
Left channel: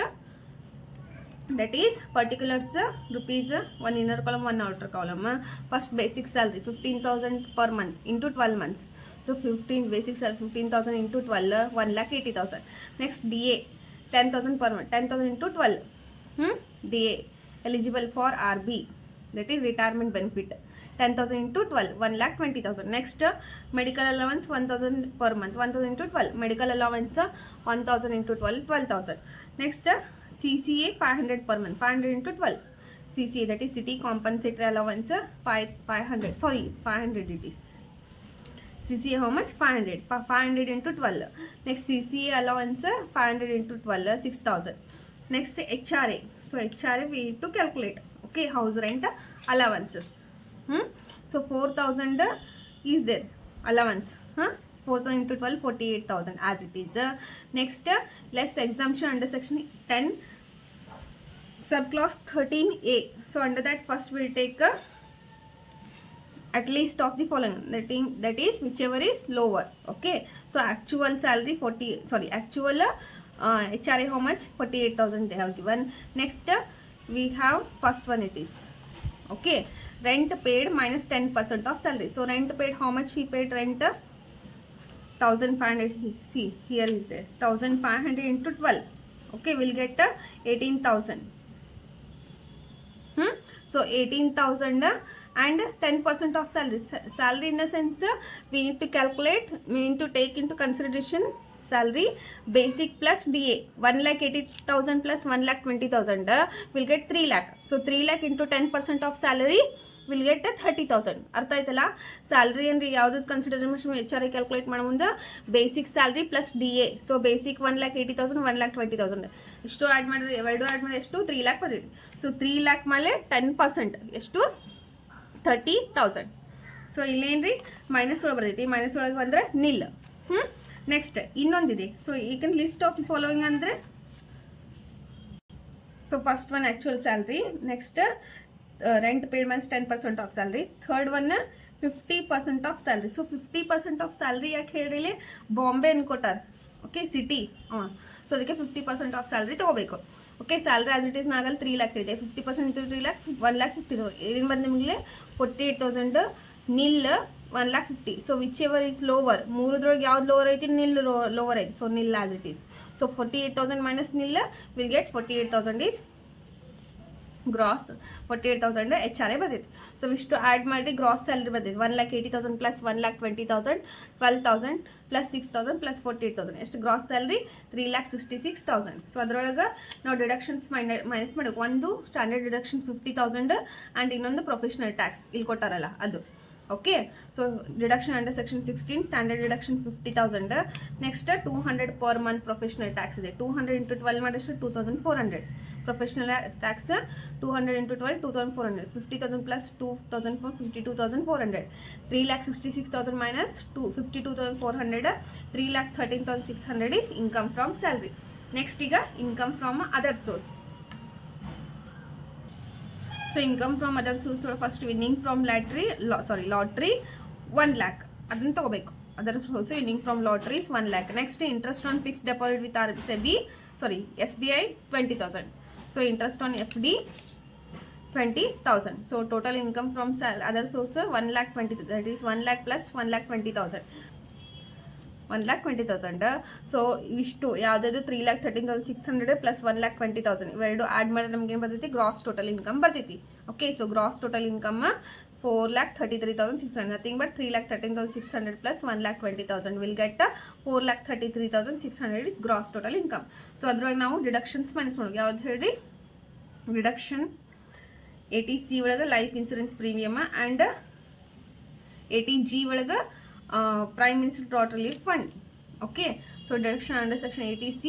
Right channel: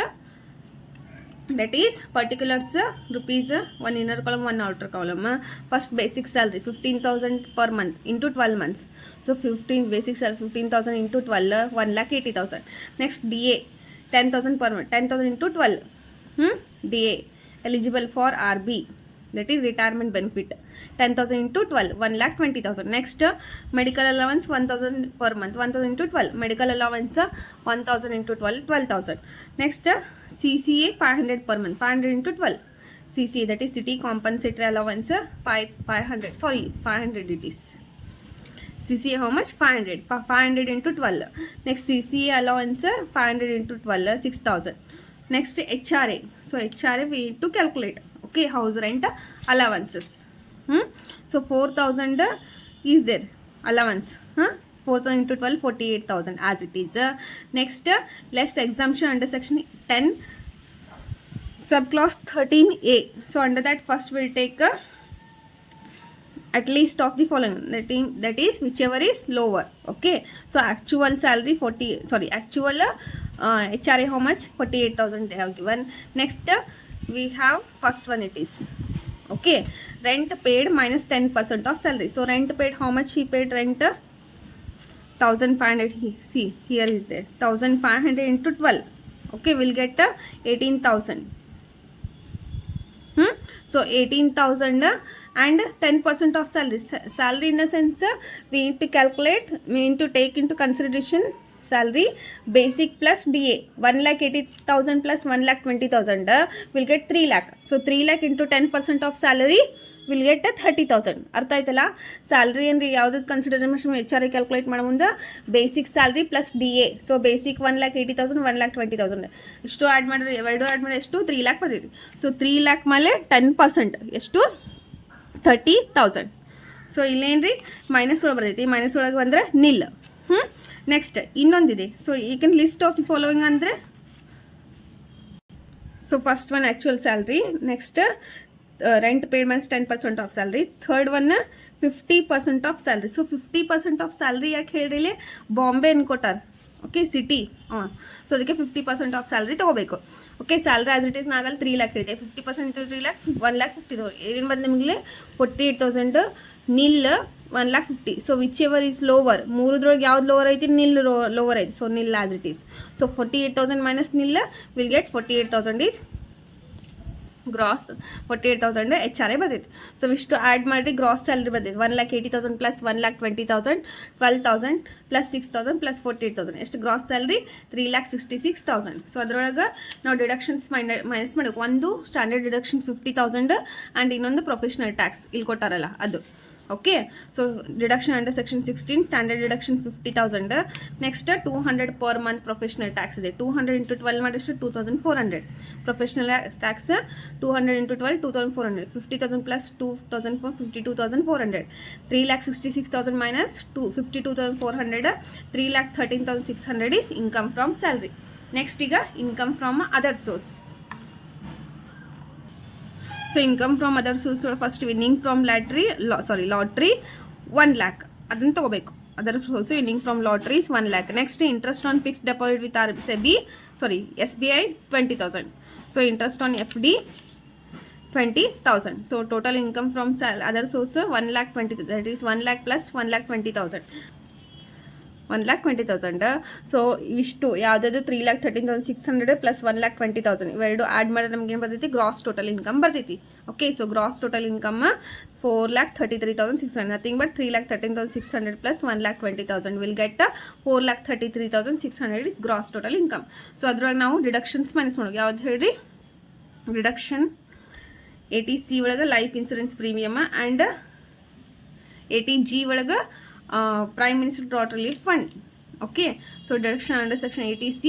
that is particulars, rupees, one inner column, one outer column. First, basic salary 15,000 per month into 12 months. So 15 basic salary 15,000 into 12, 1,80,000. Next, DA 10,000 per month, 10,000 into 12. DA eligible for RB, that is retirement benefit, 10,000 into 12, 1,20,000. Next, medical allowance 1,000 per month, 1,000 into 12. Medical allowance 1,000 into 12, 12,000. Next, CCA 500 per month, 500 into 12. CCA, that is city compensatory allowance 500. Sorry, 500 it is. CCA how much? 500. 500 into 12. Next, CCA allowance 500 into 12, 6,000. Next, HRA. So HRA we need to calculate. Okay, house rent allowances. So 4,000 is there allowance. 4,000 into 12, 48,000 as it is. Next, less exemption under section 10 subclause 13A. So under that, first we'll take at least of the following, that is whichever is lower. Okay, so actual salary actual HRA how much? 48,000 they have given. Next, we have first one, it is okay, rent paid minus 10% of salary. So rent paid, how much he paid rent? 1,500. See, here is there 1,500 into 12. Okay, we'll get 18,000. So 18,000 and 10% of salary. Salary in the sense, we need to calculate, we need to take into consideration salary basic plus DA. 1,80,000 plus 1,20,000 will get 3 lakh. So 3 lakh into 10% of salary will get 30,000. ಅರ್ಥ ಆಯ್ತಲ್ಲ? Salary ಅಂದರೆ ಯಾವುದಕ್ಕೆ consideration HRA calculate ಮಾಡೋ ಮುಂದೆ basic salary plus DA. So basic 1,80,000, 1,20,000 ಇಷ್ಟು add ಮಾಡಿದ್ರೆ, ಎರಡು add ಮಾಡಿದ್ರೆ ಎಷ್ಟು? 3 lakh ಬರ್ತೈತಿ. ಸೊ 3 lakh ಮೇಲೆ 10% ಎಷ್ಟು? 30,000. ಸೊ ಇಲ್ಲೇನ್ರಿ ಮೈನಸ್ ಒಳಗೆ ಬರ್ತೈತಿ. ಮೈನಸ್ ಒಳಗೆ ಬಂದರೆ ನಿಲ್. ನೆಕ್ಸ್ಟ್ ಇನ್ನೊಂದಿದೆ. ಸೊ ಈಗ ಲಿಸ್ಟ್ ಆಫ್ ದಿ ಫಾಲೋವಿಂಗ್ ಅಂದರೆ, so first one actual salary. Next rent paid minus 10% of salary. Third one 50% of salary. So 50% of salary ಯಾಕೆ ಹೇಳಿಲಿ? ಬಾಂಬೆ ಅನ್ಕೊಟ್ಟಾರ. Okay, city. ಸೊ ಅದಕ್ಕೆ 50% ಆಫ್ ಸ್ಯಾಲ್ರಿ ತೊಗೋಬೇಕು. Okay, salary as it is ನಾಗಲ್ಲಿ 3 lakh ಇದೆ. 50% into 3 lakh 1,50,000. ಏನು ಬಂದು ನಿಮಗೆ 48,000 nil 1,50,000. So whichever is lower, ಮೂರದ್ರೊಳಗೆ ಯಾವ್ದು ಲೋವರ್ ಐತಿ? ನಿಲ್ ಲೋವರ್ ಐತಿ. So nil as it is. So 48,000 minus nil will get 48,000 is gross. 48,000 HRA ಬರ್ತೈತಿ. ಸೊ ಇಷ್ಟು ಆ್ಯಡ್ ಮಾಡಿ ಗ್ರಾಸ್ ಸ್ಯಾಲ್ರಿ ಬರ್ತೈತಿ. 1,80,000 ಪ್ಲಸ್ 1,20,000, 12,000 ಪ್ಲಸ್ 6,000 ಪ್ಲಸ್ 48,000 ಎಷ್ಟು ಗ್ರಾಸ್ ಸ್ಯಾಲ್ರಿ? 3,66,000. ಸೊ ಅದರೊಳಗೆ ನಾವು ಡಿಡಕ್ಷನ್ಸ್ ಮೈನಸ್ ಮಾಡಬೇಕು. ಒಂದು ಸ್ಟ್ಯಾಂಡರ್ಡ್ ಡಿಡಕ್ಷನ್ 50,000 ಆ್ಯಂಡ್ ಇನ್ನೊಂದು ಪ್ರೊಫೆಷನಲ್ ಟ್ಯಾಕ್ಸ್ ಇಲ್ಲಿ ಕೊಟ್ಟಾರಲ್ಲ ಅದು. Okay, so deduction under section 16 standard deduction 50,000. Next 200 per month professional tax ಇದೆ. 200 into 12 ಮಾಡಿಷ್ಟು 2,400. Professional tax 200 into 12 2,400. 50,000 plus 2,400 52,400. 3,66,000 minus 52,400 3,13,600 is income from salary. Next ಈಗ income from other source. So income from other source first winning from lottery 1 lakh ಅದನ್ನು ತೊಗೋಬೇಕು. Other source winning from lotteries 1 lakh. Next interest on fixed deposit with SBI 20,000. So interest on FD 20,000. So total income from other source 1,20,000. That is 1 lakh plus 1,20,000. 1,20,000. So ಇಷ್ಟು ಯಾವುದಾದ್ರು 3,13,600 plus 1,20,000 ಇವೆರಡು add ಮಾಡಿದ್ರೆ ನಮ್ಗೆ ಏನು ಬರ್ತೈತಿ? Gross total income ಬರ್ತೈತಿ. Okay, so gross total income 4,33,600. Nothing but 3,13,600 plus 1,20,000 will get 4,33,600 is gross total income. So ಅದ್ರೊಳಗೆ ನಾವು ಡಿಡಕ್ಷನ್ಸ್ ಮೈನಸ್ ಮಾಡೋದು. ಯಾವ್ದು ಹೇಳ್ರಿ? ಡಿಡಕ್ಷನ್ 80C ಒಳಗೆ life insurance premium and 80G ಒಳಗೆ Prime Minister Drought Relief Fund. Okay, so deduction under section 80C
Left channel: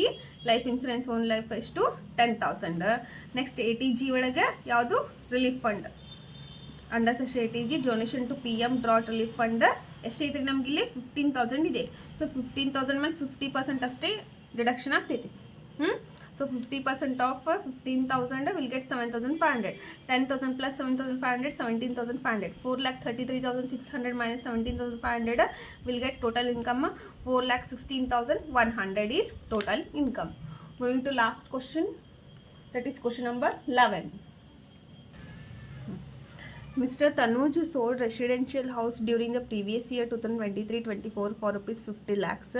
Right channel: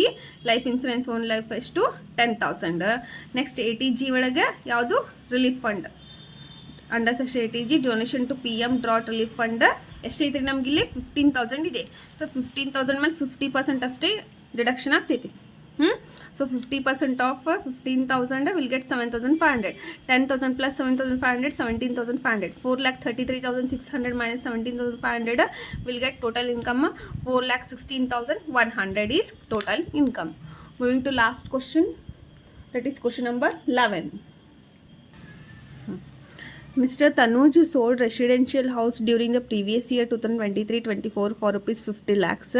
life insurance own life is to 10,000. Next 80G ಒಳಗೆ ಯಾವುದು? Relief fund under section 8G donation to PM drought relief fund ಎಷ್ಟೈತೆ ರೀ ನಮ್ಗೆ ಇಲ್ಲಿ 15,000 ಇದೆ. So 15,000 ಮೇಲೆ 50% ಅಷ್ಟೇ deduction ಆಗ್ತೈತಿ. So 50% of 15,000 will get 7,500. 10,000 plus 7,500, 17,500. 4,33,600 minus 17,500 will get total income 4,16,100 is total income. Moving to last question, that is question number 11. Mr. Tanuj sold residential house during the previous year 2023-24 for rupees 50 lakhs.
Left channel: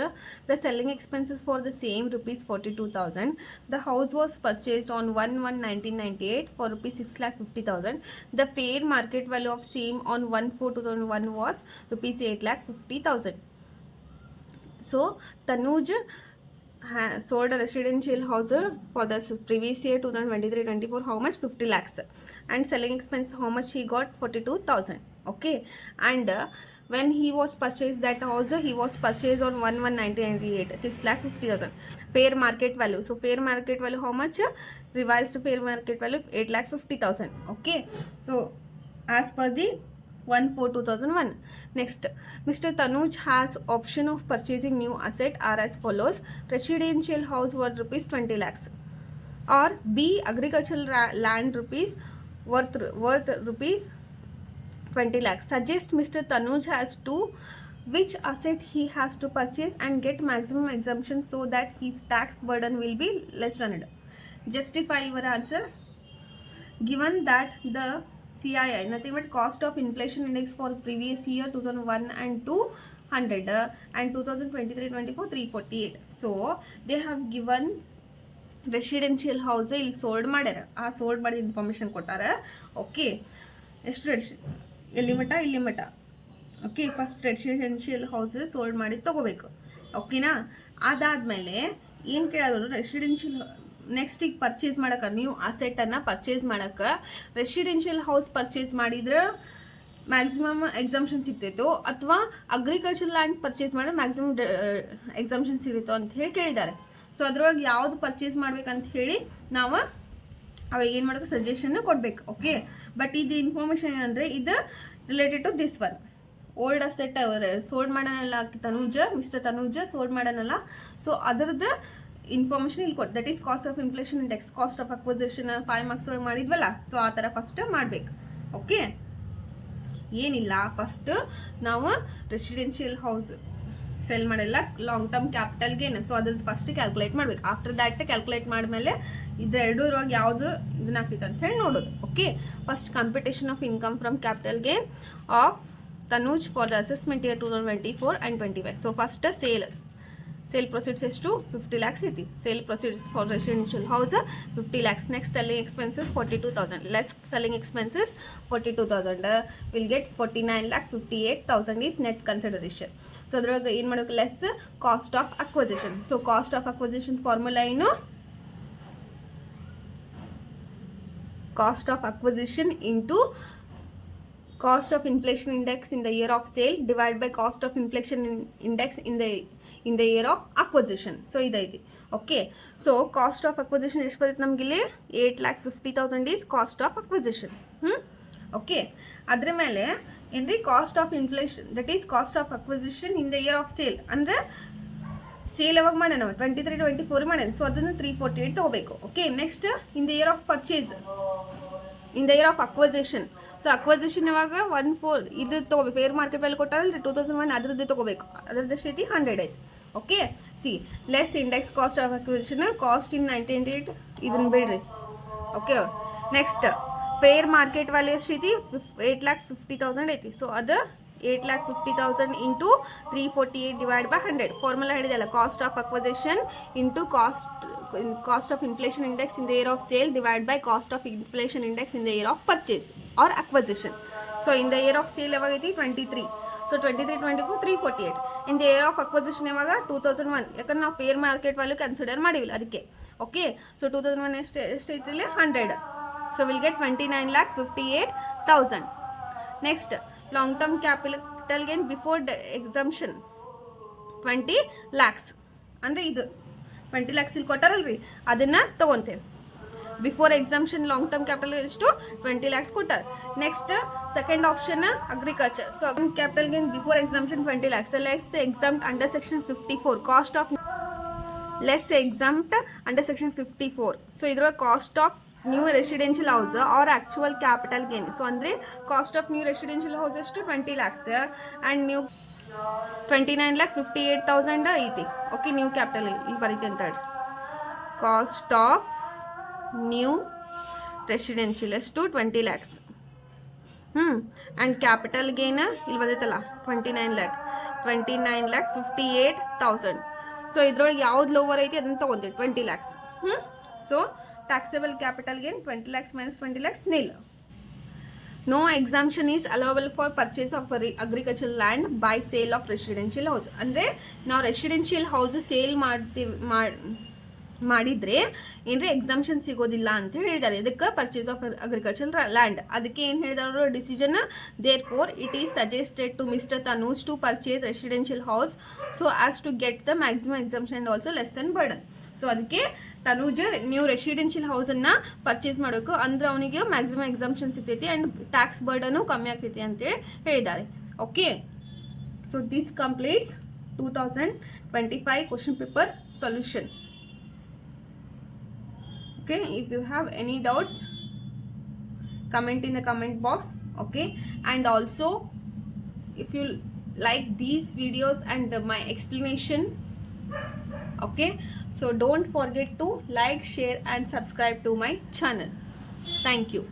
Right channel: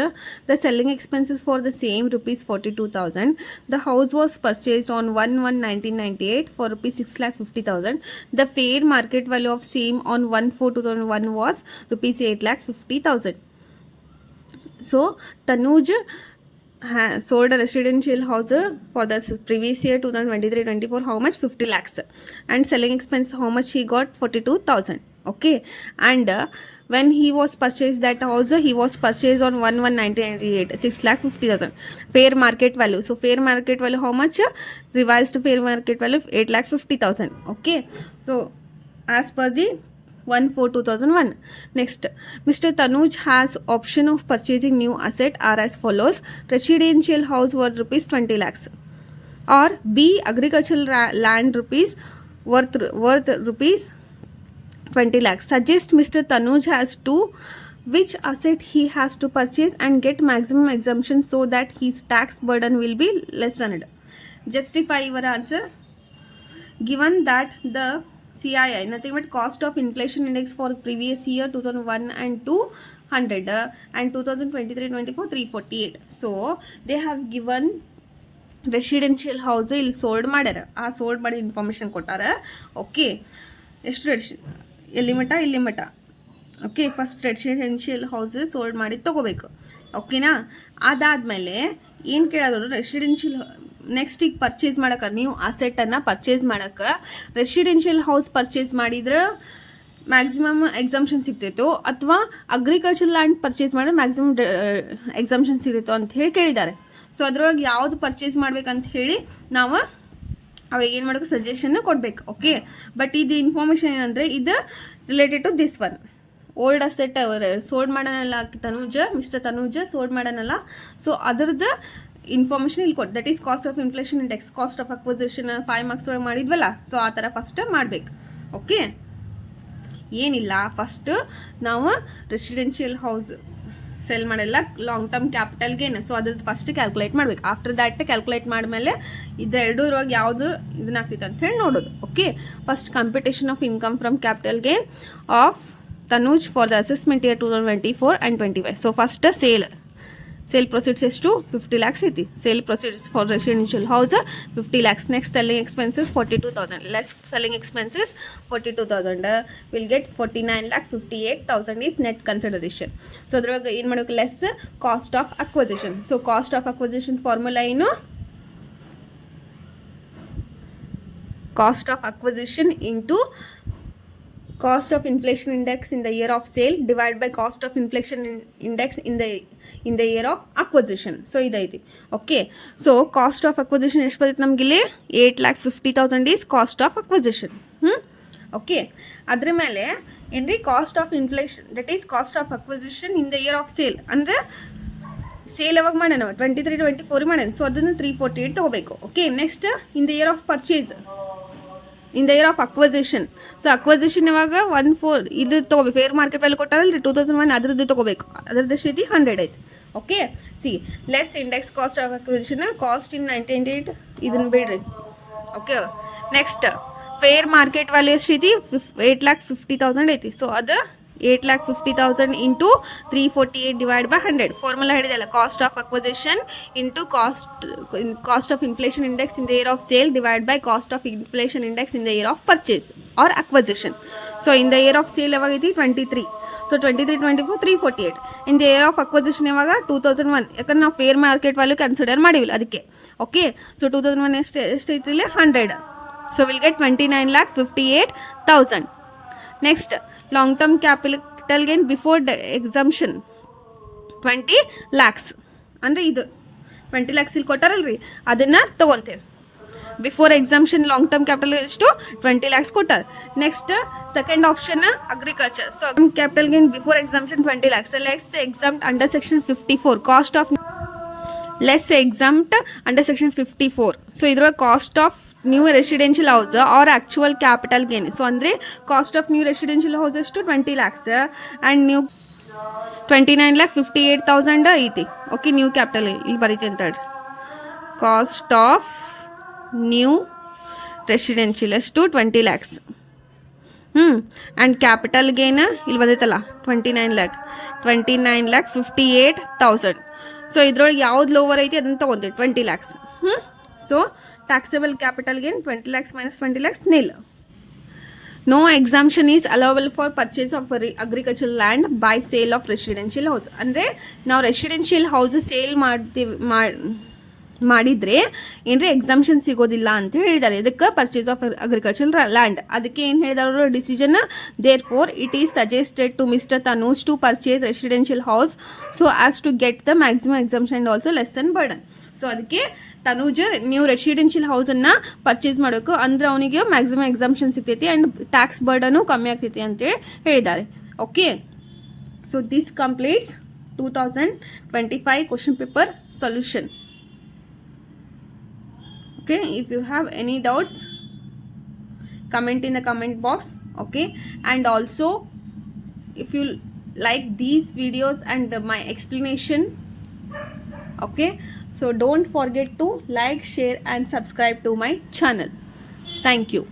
The selling expenses for the same rupees 42,000. The house was purchased on 1/1/1998 for rupees 6,50,000. The fair market value of same on 1/4/2001 was rupees 8,50,000. So Tanuj sold a residential house for the previous year 2023-24 how much 50 lakhs and selling expense how much he got 42,000. Okay, and when he was purchased that house he was purchased on 1/1/1998 6,50,000 fair market value. So fair market value how much? Revised fair market value 8,50,000. Okay, so as per the 1/4/2001. Next, Mr. Tanuj has option of purchasing new asset are as follows: residential house worth rupees 20 lakhs, or B agricultural land worth rupees 20 lakhs. Suggest Mr. Tanuj has to which asset he has to purchase and get maximum exemption so that his tax burden will be lessened. Justify your answer. Given that the CII, nothing but cost of inflation index for previous year 2001 and 200 and 2023-24 348. So they have given residential house ಇಲ್ಲಿ sold ಮಾಡ್ಯಾರ. ಆ sold ಮಾಡಿ information ಕೊಟ್ಟಾರ. Okay, ಎಷ್ಟು ಎಲ್ಲಿ ಮಟ್ಟ ಇಲ್ಲಿ ಮಟ್ಟ. Okay, first residential house sold ಮಾಡಿ ತೊಗೋಬೇಕು. ಓಕೆನಾ? ಅದಾದಮೇಲೆ ಏನು ಕೇಳೋರು ರೆಸಿಡೆನ್ಷಿಯಲ್ ನೆಕ್ಸ್ಟ್ ಈಗ ಪರ್ಚೇಸ್ ಮಾಡೋಕೆ ನೀವು ಅಸೆಟನ್ನು ಪರ್ಚೇಸ್ ಮಾಡೋಕೆ ರೆಸಿಡೆನ್ಷಿಯಲ್ ಹೌಸ್ ಪರ್ಚೇಸ್ ಮಾಡಿದ್ರೆ ಮ್ಯಾಕ್ಸಿಮಮ್ ಎಕ್ಸಾಮ್ಷನ್ ಸಿಗ್ತೈತೋ ಅಥವಾ ಅಗ್ರಿಕಲ್ಚರ್ ಲ್ಯಾಂಡ್ ಪರ್ಚೇಸ್ ಮಾಡಿದ್ರೆ ಮ್ಯಾಕ್ಸಿಮಮ್ ಎಕ್ಸಾಮ್ಷನ್ ಸಿಗ್ತೈತೋ ಅಂತ ಹೇಳಿ ಕೇಳಿದ್ದಾರೆ. ಸೊ ಅದ್ರೊಳಗೆ ಯಾವುದು ಪರ್ಚೇಸ್ ಮಾಡ್ಬೇಕಂತ ಹೇಳಿ ನಾವು ಅವ್ರಿಗೆ ಏನು ಮಾಡೋಕೆ ಸಜೆಷನ್ನ ಕೊಡಬೇಕು. ಓಕೆ, ಬಟ್ ಇದು ಇನ್ಫಾರ್ಮೇಷನ್ ಏನಂದರೆ ಇದು related to this one old asset sold ಮಾಡೋಣಲ್ಲ ಮಿಸ್ಟರ್ ತನೂಜ ಸೋಲ್ಡ್ ಮಾಡೋಣಲ್ಲ. ಸೊ ಅದರದ್ದು ಇನ್ಫಾರ್ಮೇಷನ್ ಇಲ್ಲಿ ಕೊಟ್ಟು that is cost of inflation index, cost of acquisition 5 marks ಒಳಗೆ ಮಾಡಿದ್ವಲ್ಲ. ಸೊ ಆ ಥರ ಫಸ್ಟ್ ಮಾಡಬೇಕು. ಓಕೆ, ಏನಿಲ್ಲ, ಫಸ್ಟ್ ನಾವು ರೆಸಿಡೆನ್ಷಿಯಲ್ ಹೌಸ್ ಸೆಲ್ ಮಾಡಲ್ಲ long term capital gain. So ಅದ್ರದ್ದು ಫಸ್ಟ್ ಕ್ಯಾಲ್ಕುಲೇಟ್ ಮಾಡ್ಬೇಕು. ಆಫ್ಟರ್ ದ್ಯಾಟ್ ಕ್ಯಾಲ್ಕುಲೇಟ್ ಮಾಡಿದ್ಮೇಲೆ ಇದೆರಡೂರೊಳಗೆ ಯಾವುದು ಇದನ್ನ ಆಗ್ತೈತೆ ಅಂತ ಹೇಳಿ ನೋಡೋದು. Okay, first computation of income from capital gain of Tanuj for the assessment year 2024 and 25. So first sale proceeds ಎಷ್ಟು 50 lakhs ಐತಿ. Sale proceeds for residential house 50 lakhs. Next selling expenses 42,000 less selling expenses 42,000 will get 49,58,000 is net consideration. So ಅದ್ರೊಳಗೆ ಏನು ಮಾಡಬೇಕು less cost of acquisition. So cost of acquisition formula ಏನು? Cost of acquisition into cost of inflation index in the year of sale divided by cost of inflation index in the year of acquisition. So idaiti. Okay, so cost of acquisition ಎಷ್ಟು ಬರುತ್ತೆ ನಮಗೆ ಇಲ್ಲಿ 8,50,000 is cost of acquisition. Okay, ಅದರ ಮೇಲೆ ಏನ್ರಿ cost of inflation that is cost of acquisition in the year of sale. ಅಂದರೆ sale ಯಾವಾಗ ಮಾಡೋಣ 23-24 ಮಾಡೋಣ. ಸೊ ಅದನ್ನು 348 ತೊಗೋಬೇಕು. Okay, next in the year of purchase in the year of acquisition. So acquisition ಇವಾಗ 1/4 ಇದು ತೊಗೋಬೇಕು. ಫೇರ್ ಮಾರ್ಕೆಟ್ ವ್ಯಾಲ್ಯೂ ಕೊಟ್ಟಾರಲ್ರಿ 2001 ಅದರದ್ದು ತೊಗೋಬೇಕು. ಅದರದ್ದು ಸ್ಥಿತಿ 100 ಐತಿ. Okay, C less index cost of acquisition cost in 1998 ಇದನ್ನು ಬಿಡ್ರಿ. Okay, next fair market value ಸ್ಥಿತಿ 8,50,000 ಐತಿ. ಸೊ ಅದು 8,50,000 ಇಂಟು 348 ಡಿವೈಡ್ ಬೈ 100. ಫಾರ್ಮುಲಾ ಹೇಳಿದೆಲ್ಲ cost of acquisition into cost of inflation index in the year of sale divide by cost of inflation index in the year of purchase or acquisition. So in the year of sale ಯಾವಾಗೈತಿ 23. ಸೊ 23-24 348. In the year of acquisition ಯಾವಾಗ 2001. ಯಾಕಂದ್ರೆ ನಾವು fair market value consider ಮಾಡಿವಿಲ್ಲ ಅದಕ್ಕೆ. Okay, so 2001 ಎಷ್ಟೈತಿ ಇಲ್ಲಿ 100. So will get 29,58,000. Next long term capital gain before exemption 20 lakhs. ಅಂದರೆ ಇದು 20 lakhs ಇಲ್ಲಿ ಕೊಟ್ಟಾರಲ್ರಿ ಅದನ್ನು ತೊಗೊತೇವೆ. Before exemption long term capital ಎಷ್ಟು 20 lakhs ಕೊಟ್ಟಾರ. Next second option agriculture. So capital gain before exemption 20 lakhs. Less exempt under section 54 cost of less exempt under section 54. So ಇದ್ರೊಳಗೆ cost of new residential house or actual capital gain. So ಅಂದರೆ cost of new residential house ಎಷ್ಟು 20 lakhs and new 29,58,000 ಐತಿ. Okay, new capital ಇಲ್ಲಿ ಬರೀತಿ ಅಂತ ಹೇಳಿ. Cost of new residential ಎಷ್ಟು 20 lakhs. And capital gain ಇಲ್ಲಿ ಬಂದೈತಲ್ಲ 29,58,000. So ಇದ್ರೊಳಗೆ ಯಾವ್ದು ಲೋವರ್ ಐತಿ ಅದನ್ನು ತೊಗೊತೀವಿ 20 lakhs. So taxable capital gain 20 lakhs minus 20 lakhs nil. No exemption is allowable for purchase of agricultural land by sale of residential house. ಅಂದರೆ ನಾವು residential house sale ಮಾಡಿದರೆ ಏನ್ರಿ exemption ಸಿಗೋದಿಲ್ಲ ಅಂತ ಹೇಳಿದ್ದಾರೆ. ಇದಕ್ಕೆ ಪರ್ಚೇಸ್ ಆಫ್ ಅಗ್ರಿಕಲ್ಚರ್ ಲ್ಯಾಂಡ್. ಅದಕ್ಕೆ ಏನು ಹೇಳಿದವರು decision, therefore it is suggested to mister Tanuj to purchase residential house so as to get the maximum exemption and also lessen burden. So ಅದಕ್ಕೆ ತನೂಜ್ ನೀವು ರೆಸಿಡೆನ್ಷಿಯಲ್ ಹೌಸನ್ನು ಪರ್ಚೇಸ್ ಮಾಡಬೇಕು, ಅಂದ್ರೆ ಅವನಿಗೆ ಮ್ಯಾಕ್ಸಿಮಮ್ ಎಕ್ಸಾಮ್ಷನ್ ಸಿಗ್ತೈತಿ ಆ್ಯಂಡ್ ಟ್ಯಾಕ್ಸ್ ಬರ್ಡನು ಕಮ್ಮಿ ಆಗ್ತೈತಿ ಅಂತೇಳಿ ಹೇಳಿದ್ದಾರೆ. Okay, so this completes 2025 question paper solution. Okay, if you have any doubts, comment in the comment box. Okay, and also if you like these videos and my explanation, okay, so don't forget to like, share and subscribe to my channel. Thank you.